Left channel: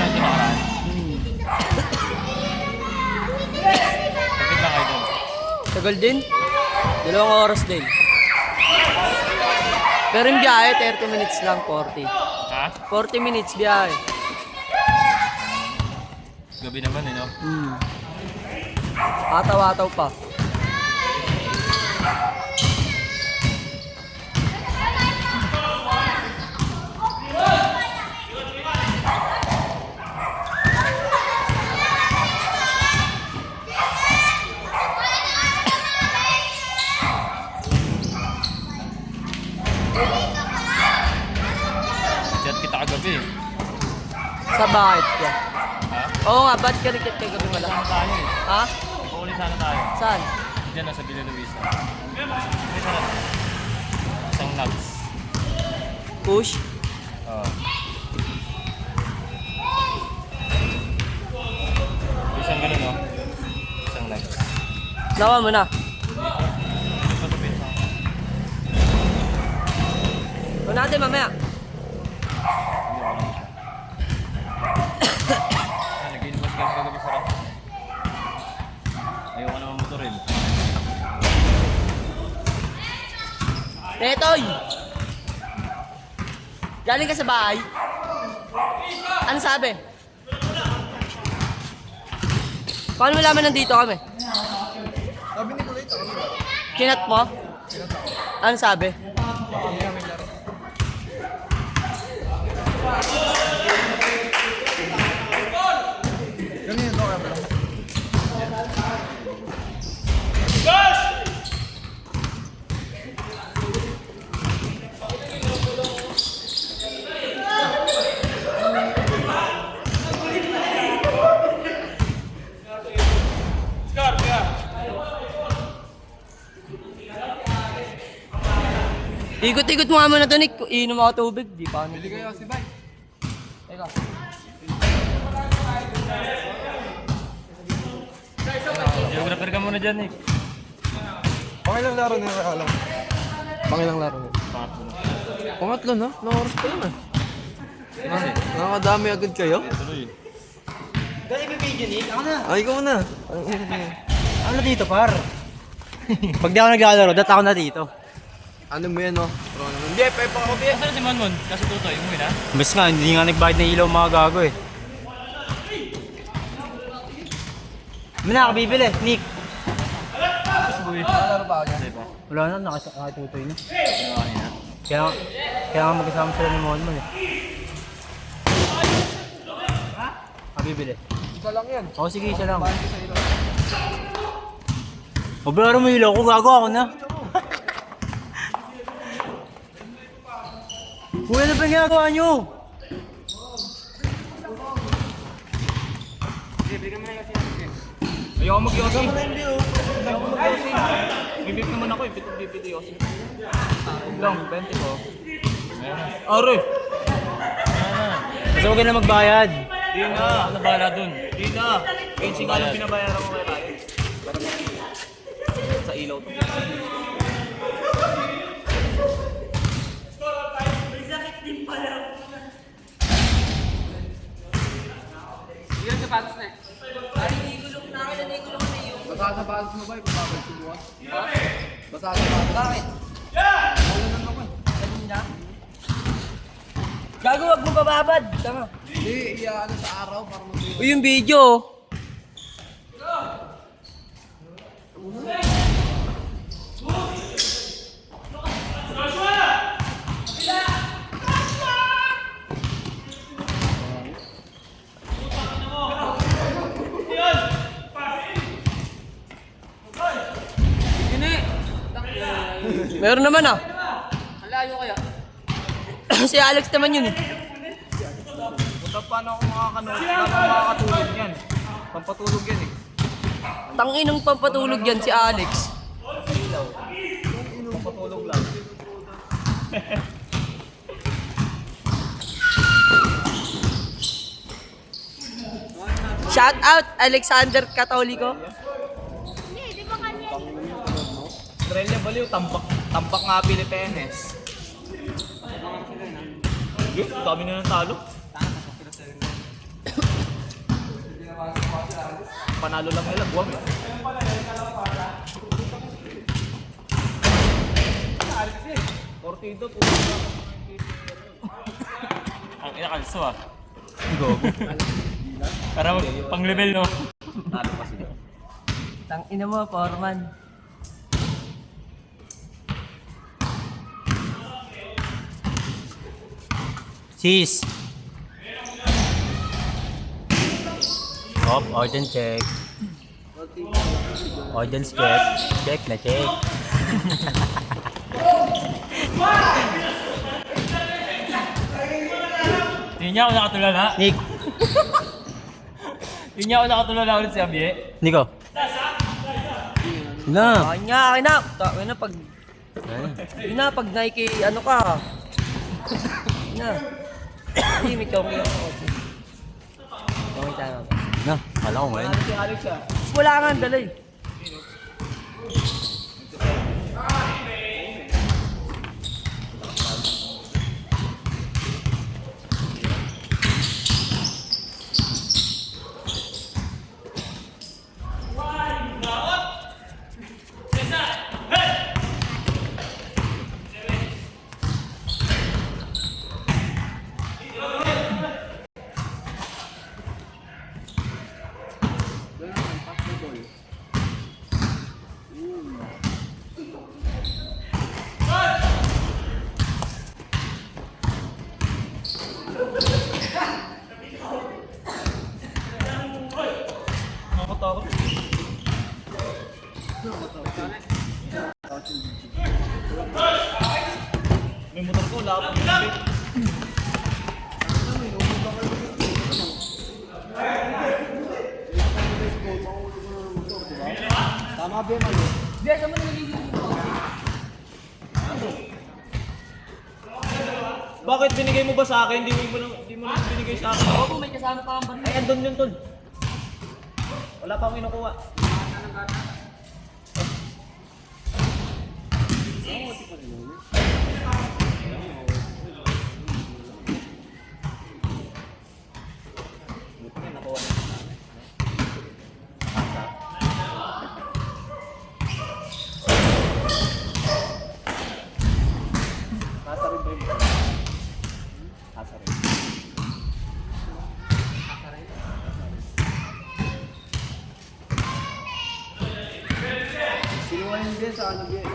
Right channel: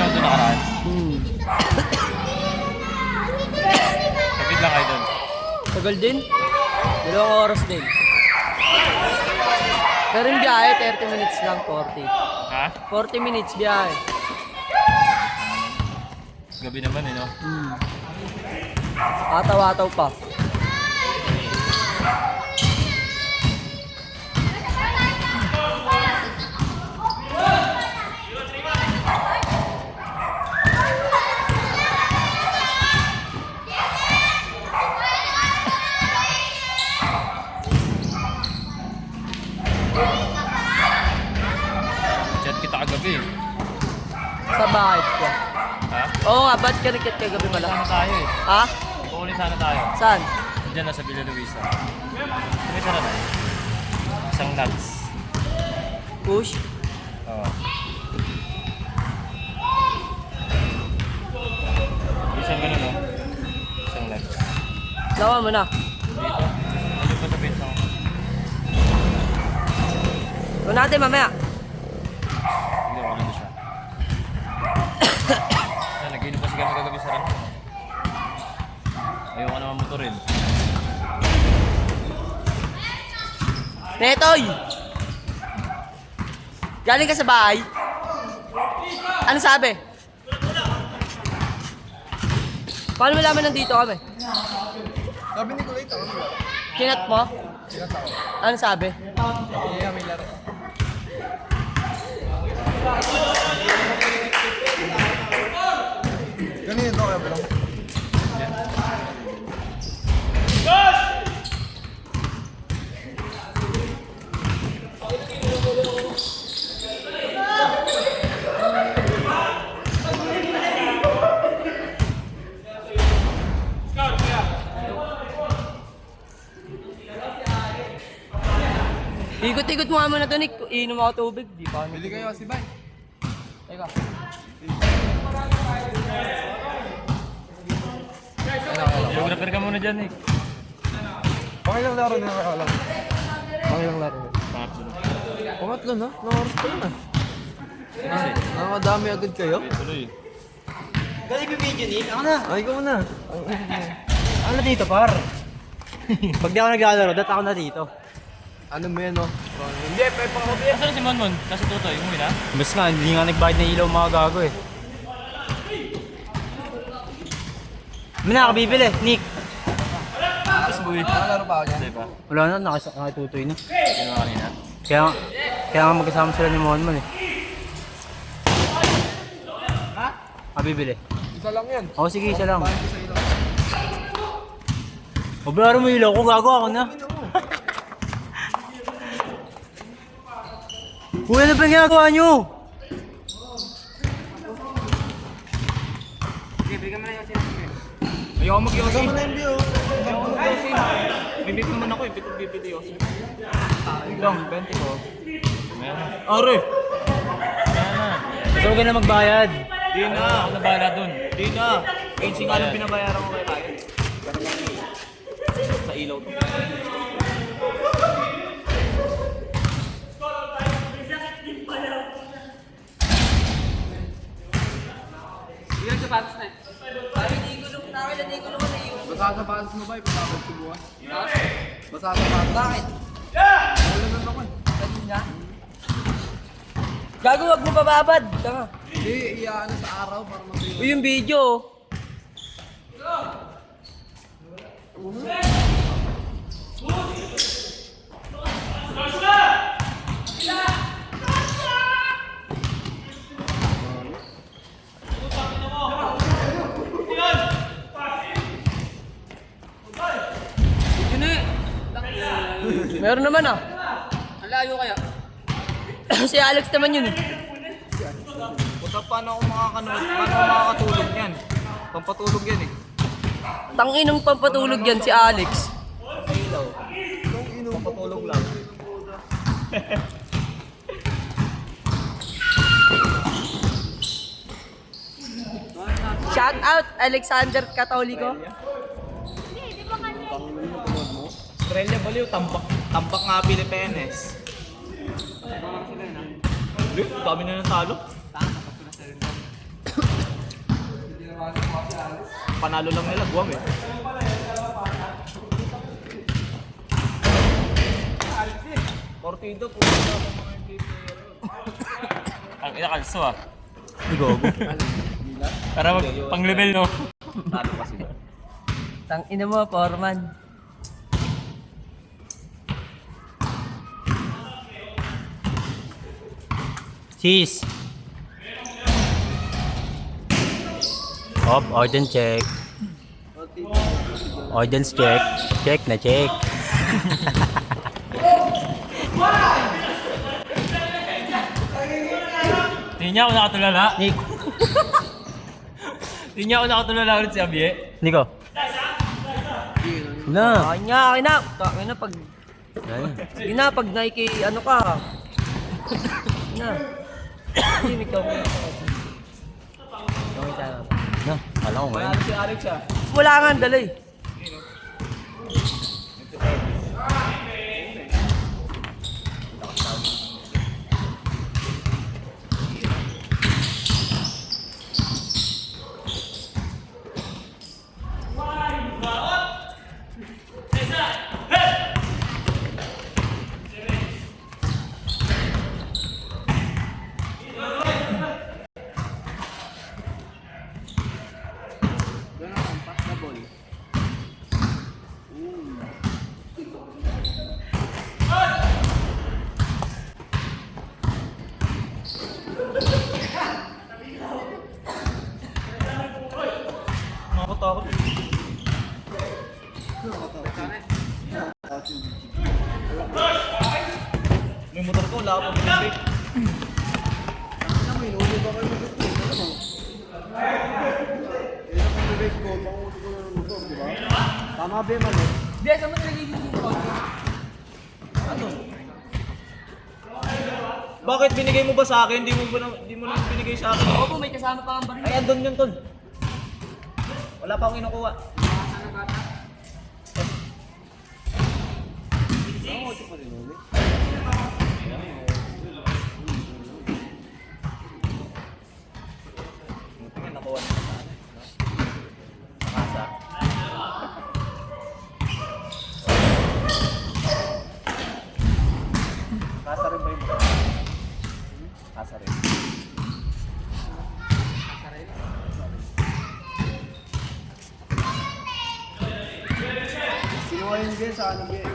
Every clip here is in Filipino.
pinanood na nakaraan. Kapit lang kayo doon. Tagal din. 2 oras din. Pero yung biyahe, 30 minutes lang, 40. Ha? 40 minutes biyahe. Gabi naman no? Ataw-ataw pa. Chat kita kagabi. Sa bakit ka? Ha? Oo nga, ba't ka nagchat kagabi pala? Sana tayo eh. Ha? Uli sana tayo. Saan? Diyan na sa Villa Luisa. Hindi sana. Isang nuts. Push? Oo. Isang ganun no? Isang nuts. Nawa mo na. Dito pa sa pizza. Huwag natin mamaya. Hindi, wala na siya. Nag-inom kasi kami kagabi sa ram. Ayoko naman motorin. Netoy! Galing ka sa bahay? Ano sabi? Paano mo namin nandito kami? Sabi ni Kulit ako. Kinat mo? Ano sabi? Ganyan to bro. Ikot-ikot mo nga muna ito, Nick. Iinom ako tubig. Di pa ako Bili kayo si Van. Teka. Geographer ka muna dyan eh. Pangilang laro niya ka alam. Pangilang laro niya. Pangatlo na. Pangatlo na? Ilang oras pa lang ah. Kasi, Nakakadami agad kayo? tuloy. Galing yung video, Nick. Ako na. Ay, ikaw na. Ano na dito, par? Pag di ako naglalaro, dat ako na dito. Ano mo yan no? Hindi, pepe mo. Nasaan si Monmon? Kasi Tutoy, umuwi na? Mas nga, hindi nga nagbayad ng ilaw mga gago eh. Ano na ako bibili, Nick? Tapos buwi. Nalaro pa ako dyan. Diba? Wala na, nakitutoy na. Ginawa kanina. Kaya nga magkasama sila ni Monmon eh. Bibili. Isa lang yan. Oo, sige, isa lang. O, bro, mo ilaw ko, gago ako na. Kuya, ano ba yung ginagawa nyo? Ayoko mag-yosin. Ayoko mag-yosin. May bip naman ako eh. Bip bibili yosin. Lang, 20 ko. Ayan na. Are! Ayan na. Gusto ko na magbayad. Di na. Ako na bahala dun. Di na. 15 nga lang binabayaran ko kay Ryan. Sa ilaw to. Ilan sapatos na eh? Basa sa patos mo ba? Ipapabalik ko bukas. Basa sa patos. Bakit? Wala na ako eh. Gago, wag mo bababad. Tama. Hindi, iyaano sa araw para mag-iwan. Uy, yung video. Meron naman ah. Layo kaya? Si Alex naman yun eh. Baka paano ako makakatulog yan? Pampatulog yan eh. Tanginang pampatulog yan si Alex. Pampatulog lang. Shout out Alexander Catolico. Australia baliw, tampak nga Pilipinas. Dami na ng talo. panalo lang nila, buwang eh. Portido po. Ang inakalso ah. Gogo. Para pang level no. Talo kasi ba? Tang ina mo, Foreman. Sis. Hop, ordnance check. Ordnance check. Check na check. Hindi niya ako nakatulala. Nick. Hindi niya ako nakatulala ulit si Abie. Nico. Na. Akin nga, akin na. Akin na pag... Akin na, pag Nike, ano ka. Akin na. Hindi, ikaw mo. Okay tayo. Na, kala ko ngayon. Wala nga, dala eh. May motor ko, wala ka pang pinabit. Tama ba yung mali? Hindi, saan mo nalilito dito? Bakit binigay mo ba sa akin? Hindi mo lang binigay sa akin. Opo, may kasama pa ang baril. Ay, andun yun, tol. Wala pa akong kinukuha. Tasa rin ba yun? Tasa rin. Sino nga yung beer sa ano beer?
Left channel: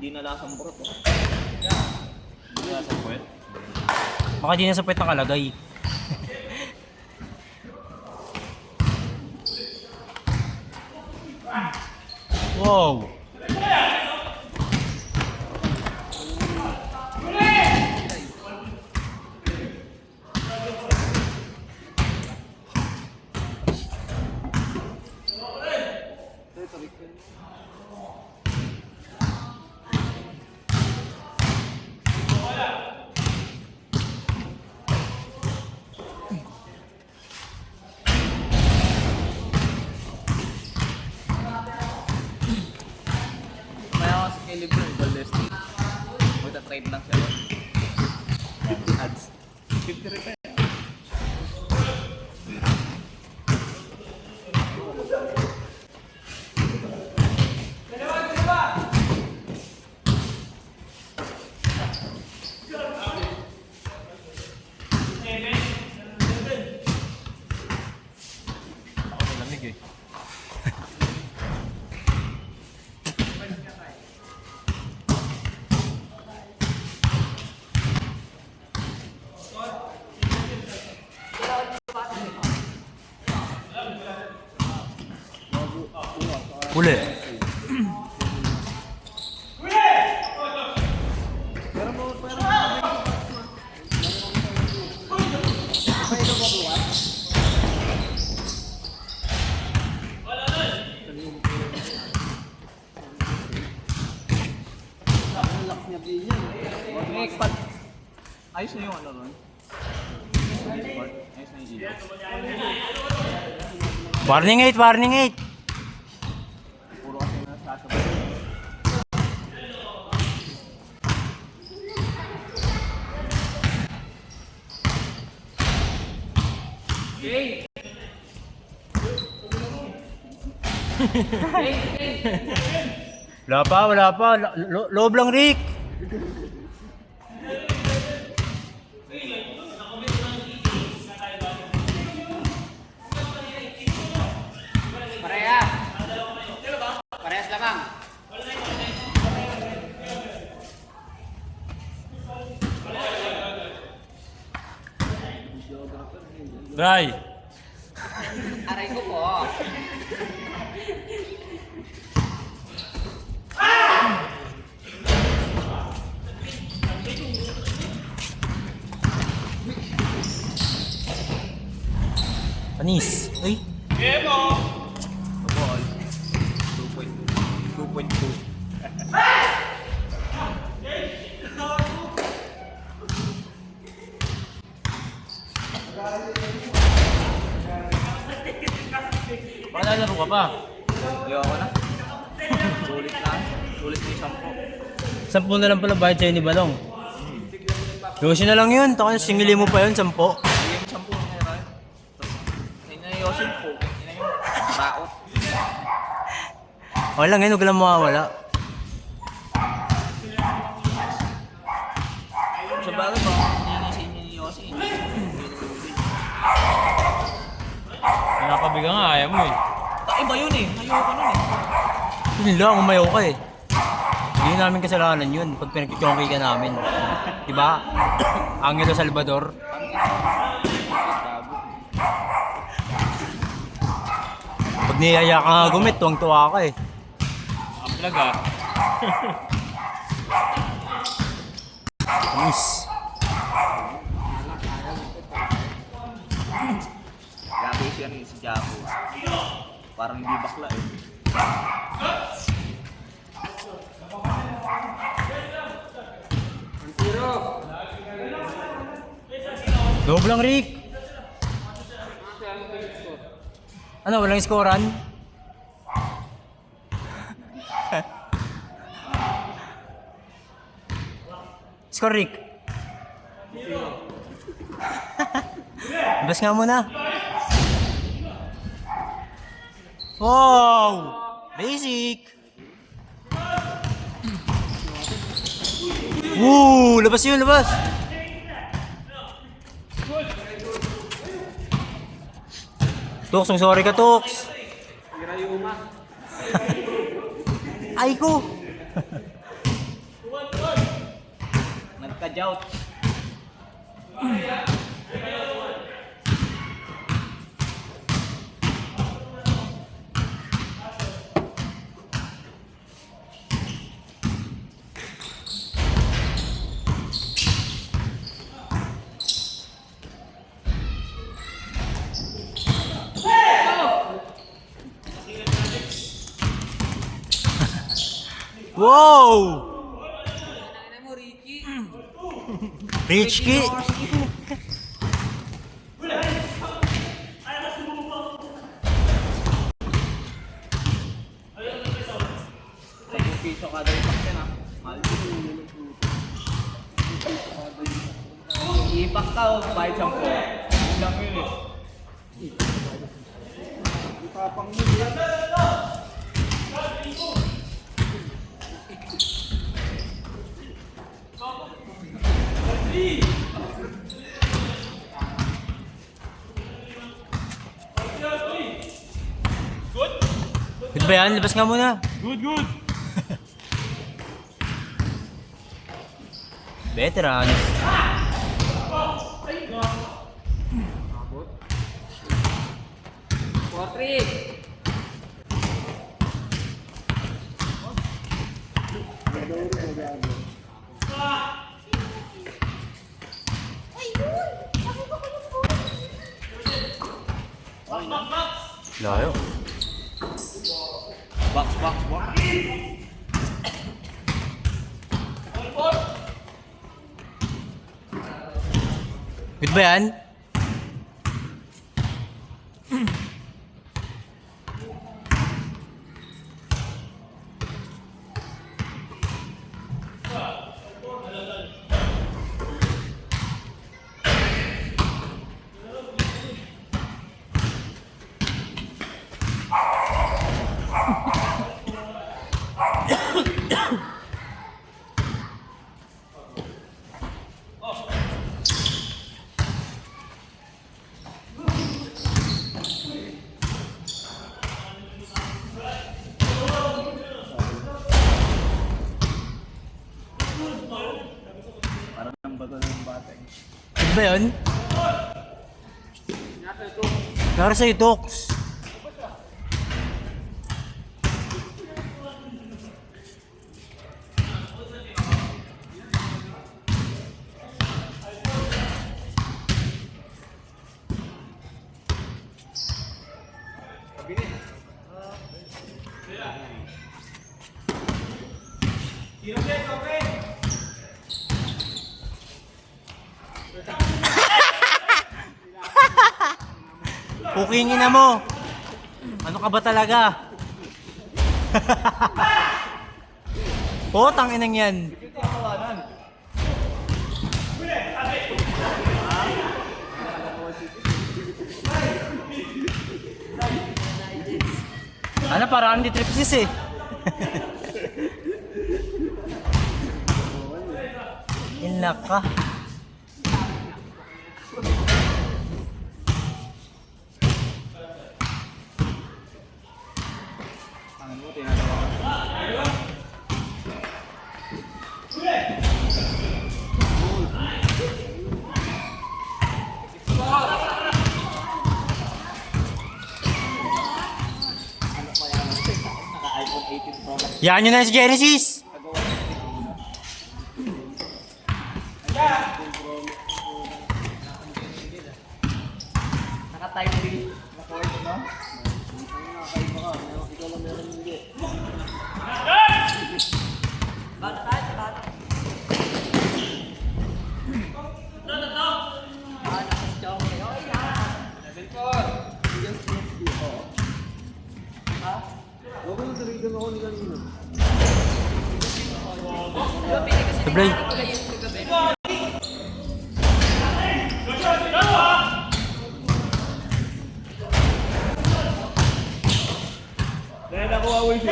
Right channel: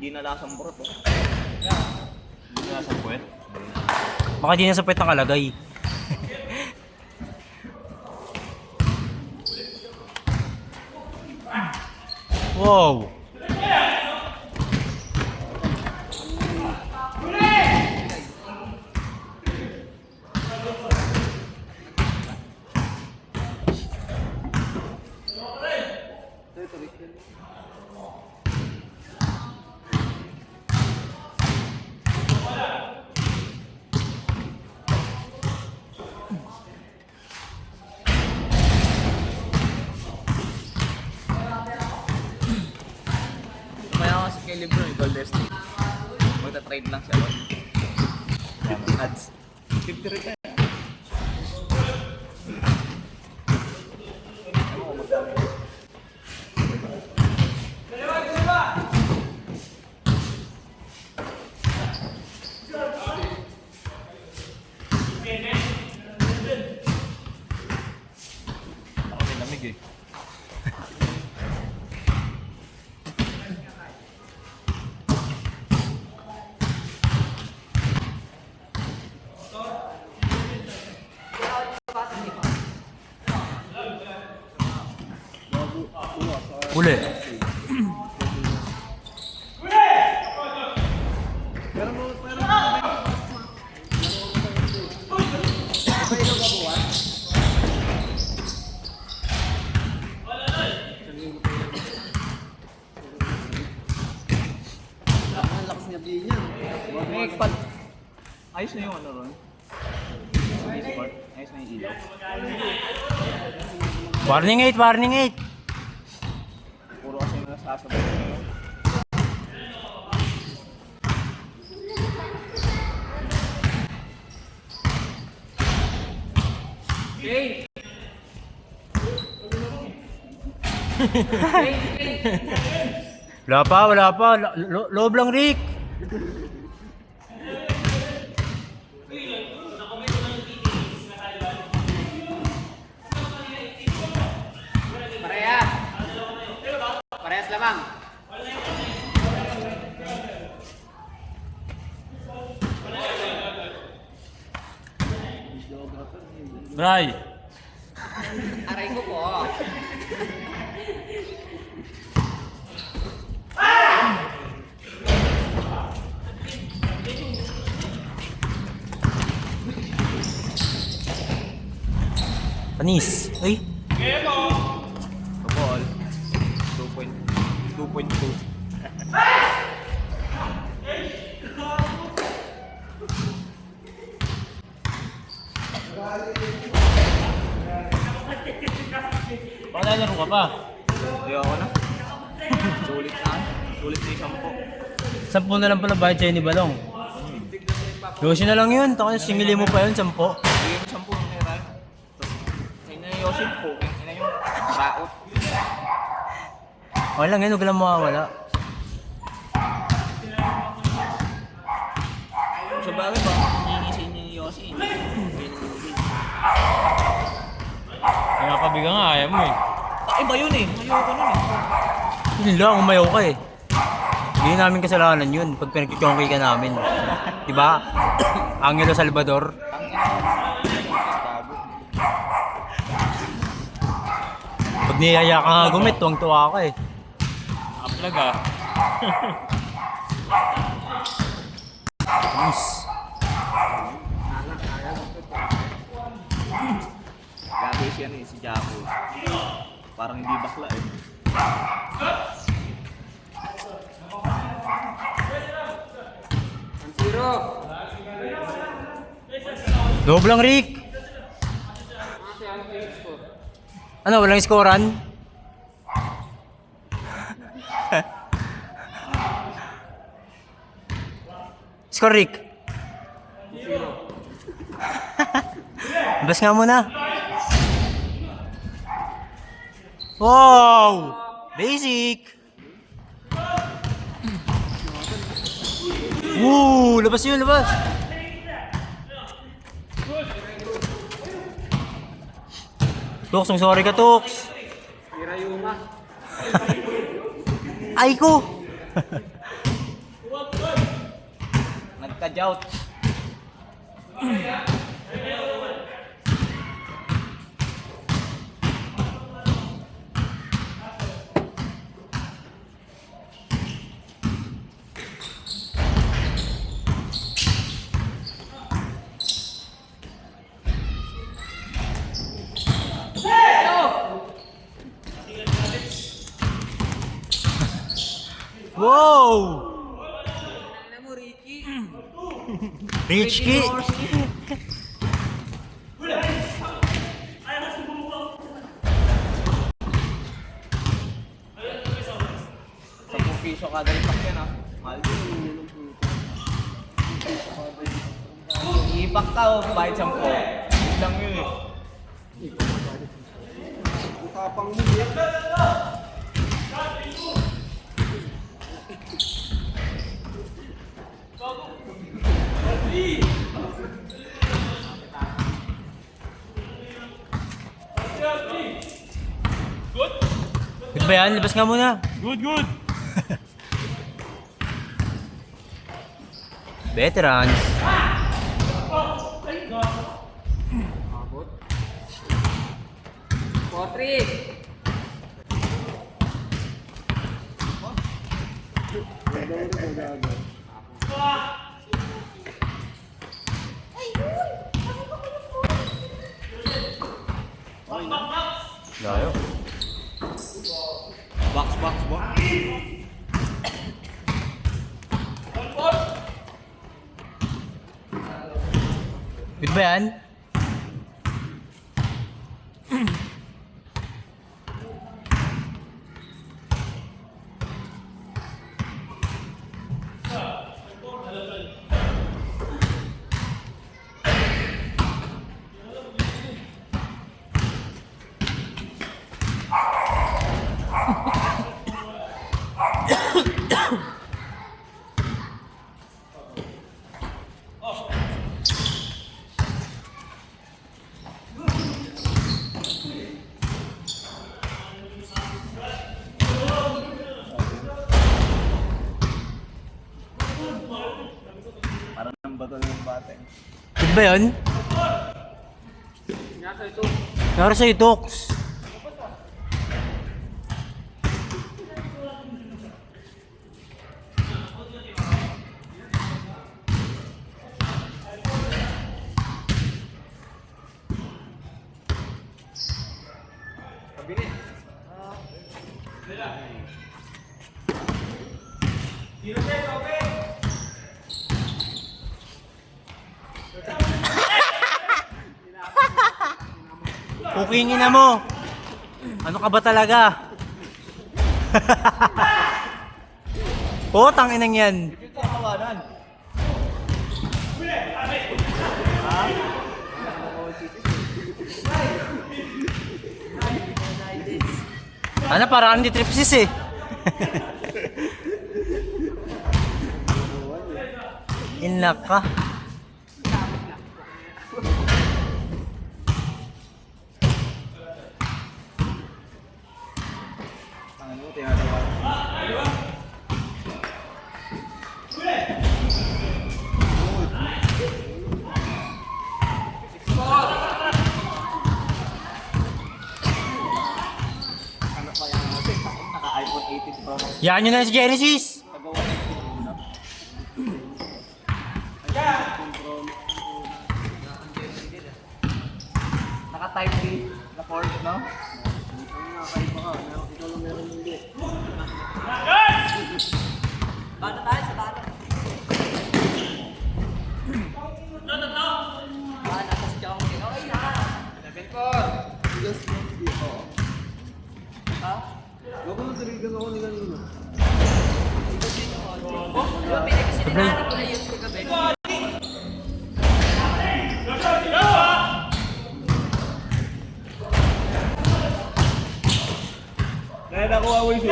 Hindi na lasang burot. Oh. Hindi na lasang puwet. Baka di na sa pwet nakalagay. Wow. Mayroon kasi kay Libro, Gold Destiny. Magta-trade lang siya. Ads. 50 rin na. Ako may lamig eh. Uli. Ang lakas niya Next. Ayos na yung ano ron. Ayos na yung ilaw. Warning 8, warning 8. Puro kasi yung nasasabay. Wala pa. Loob lang, Rick. Parehas lamang. Bray. Aray ko po. Panis. Uy. 2.2. Baka lalaro ka pa. Hindi ako na. Sulit na. Sulit na yung 10. 10 na lang pala bayad sa'yo ni Balong. 12 na lang yun. Taka singili mo pa yun, 10. Bigyan mo 10 ng kay Ryan. Kaya na yung Yosef po. Kaya na yung baot. Okay lang yun, huwag lang mawawala. Sa bagay ba, hihingi sa inyo ni Yossi. Hindi namimigay. Pinapabiga nga, ayaw mo eh. Iba yun eh. Ayoko nun eh. Yun lang, umayaw ka eh. Hindi namin kasalanan yun pag pinagkikongkay ka namin. Diba? Angelo Salvador. Pag niyaya ka nga gumit, tuwang-tuwa ka eh. Aplag ah. Anis. Gabi siya ano eh, si Jaco. Parang hindi bakla eh. Loob lang, Rick. Ano, walang skoran? Score, Rick. Bas nga muna. Wow! Basic! Woo! Labas yun, labas! Toks, ang sorry ka, Toks! Ay ko! Nagka-jout. Wow! Richie! Piso kada isang yan ah. Mahal. Ipak ka o bayad 10. Isang yun eh. Good ba yan? Labas nga muna. Good. Veterans. Layo. Box. Good ba yan? Parang nang bagal yung bata eh. Good ba yan? Nara sa itoks. Kukingin na mo. Ano ka ba talaga? Potang inang yan. Ano, parang hindi tripsis eh. Inak ka. Ano mo, tinatawa. Naka-iPhone 18 Pro Max. Yan yun na si Genesis. Naka-type 3 na port, no? Sablay. Dahil nakuha ko yung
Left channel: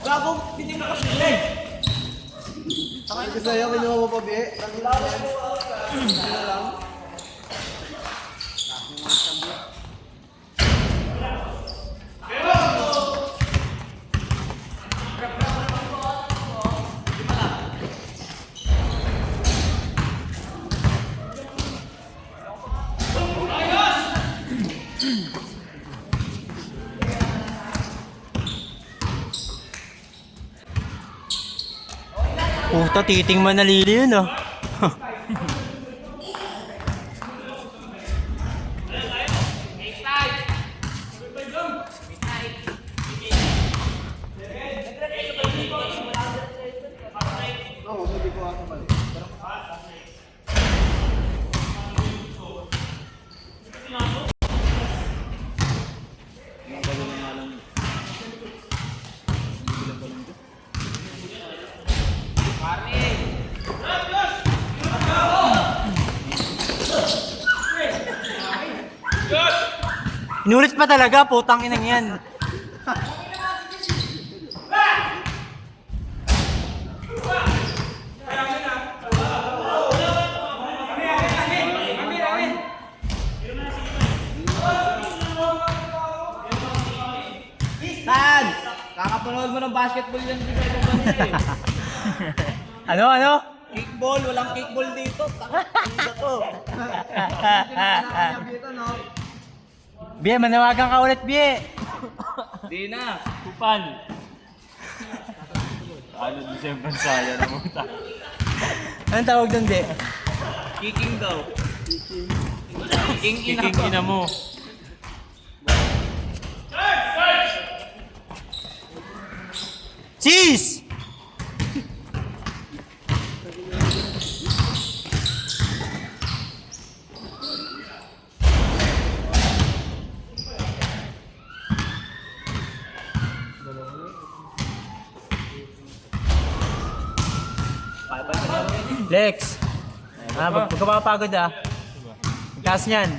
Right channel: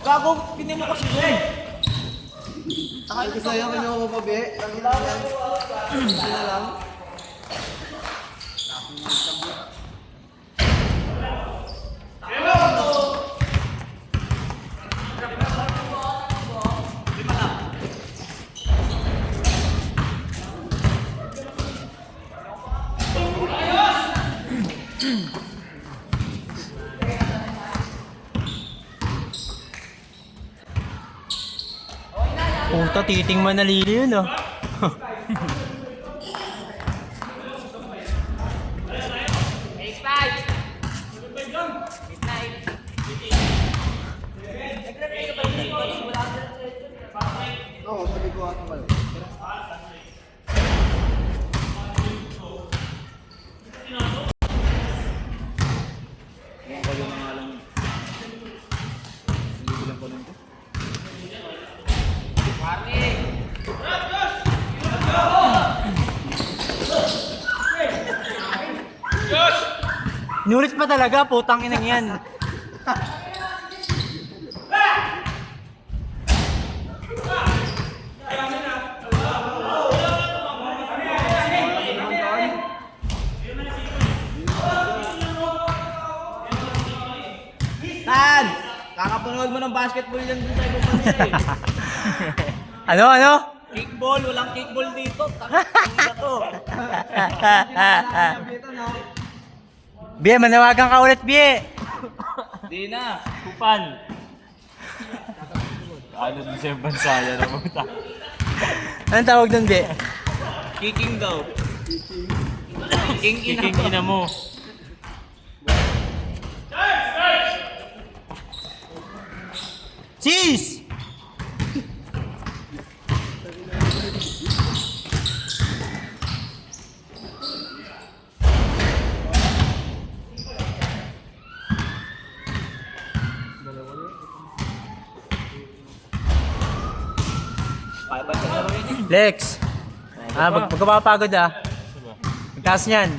Gago, pinin mo kasi yun. Sabi ko sa'yo, kinuha mo pa, be. Ang ilan yan. Ano lang? Puta, titing manalili yun oh. Oo, sabi ko nga naman. Inulit pa talaga, putang inang yan. Tan! Kakapanood mo ng basketball yan sa cellphone eh. Ano, ano? Kickball, walang kickball dito. Tanga to. Dito, no? Bie, manawagan ka ulit, Bie. Di na. Kupan. Ano din siya yung bansaya na puta. Anong tawag doon, Bie? Kicking daw. Kicking ina mo. Cheese! Lex! Magpapagod ah. Ang taas niyan.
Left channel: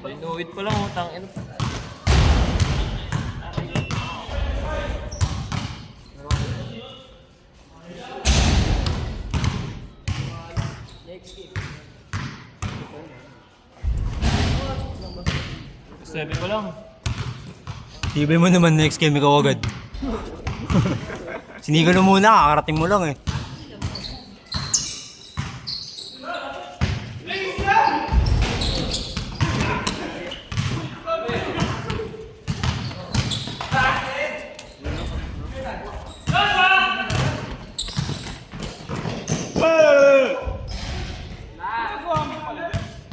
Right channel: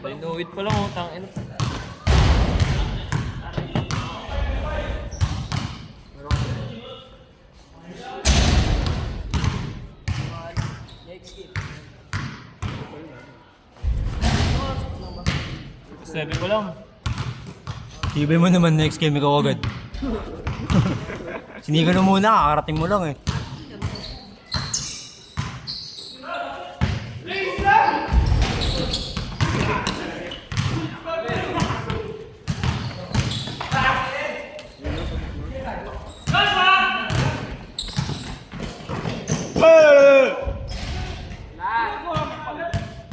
Inuwit pa lang, oh. Tangin. Sabi ko lang. Tibay mo naman next game ikaw agad. Sinigo na muna, kakarating mo lang eh.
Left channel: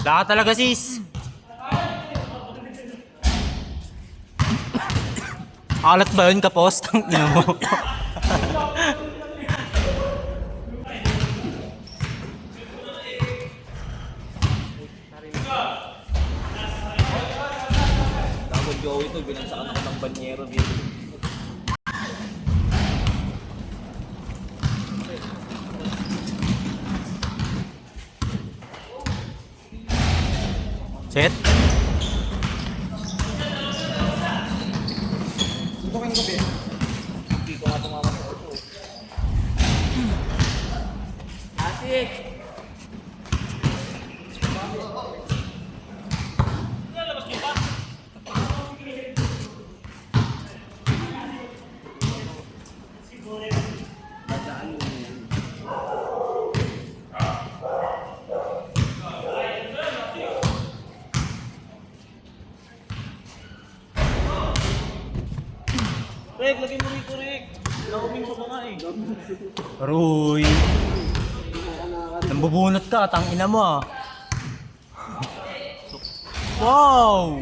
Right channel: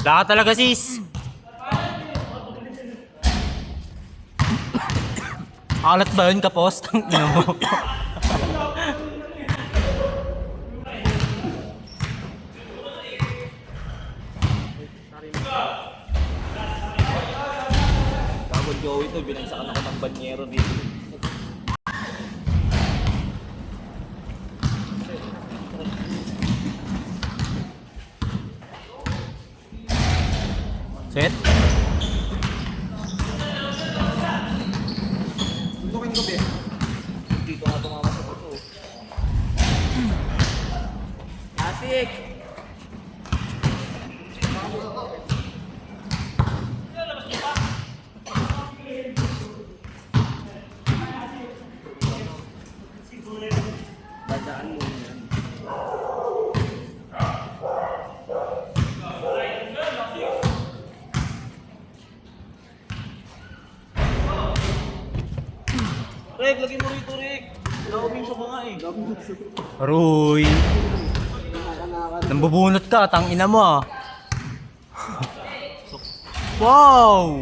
Wala ka talaga sis. Alat ba yun kapos? Ang ina mo. Bago Joey to, binagsakan ako ng banyero dito. Set? Dito nga tumama sa ito. Asik! Rick, lagay mo rito, Rick. Nauming sa mga eh. Aroy. Nambubunot ka, tang ina mo ah. Wow!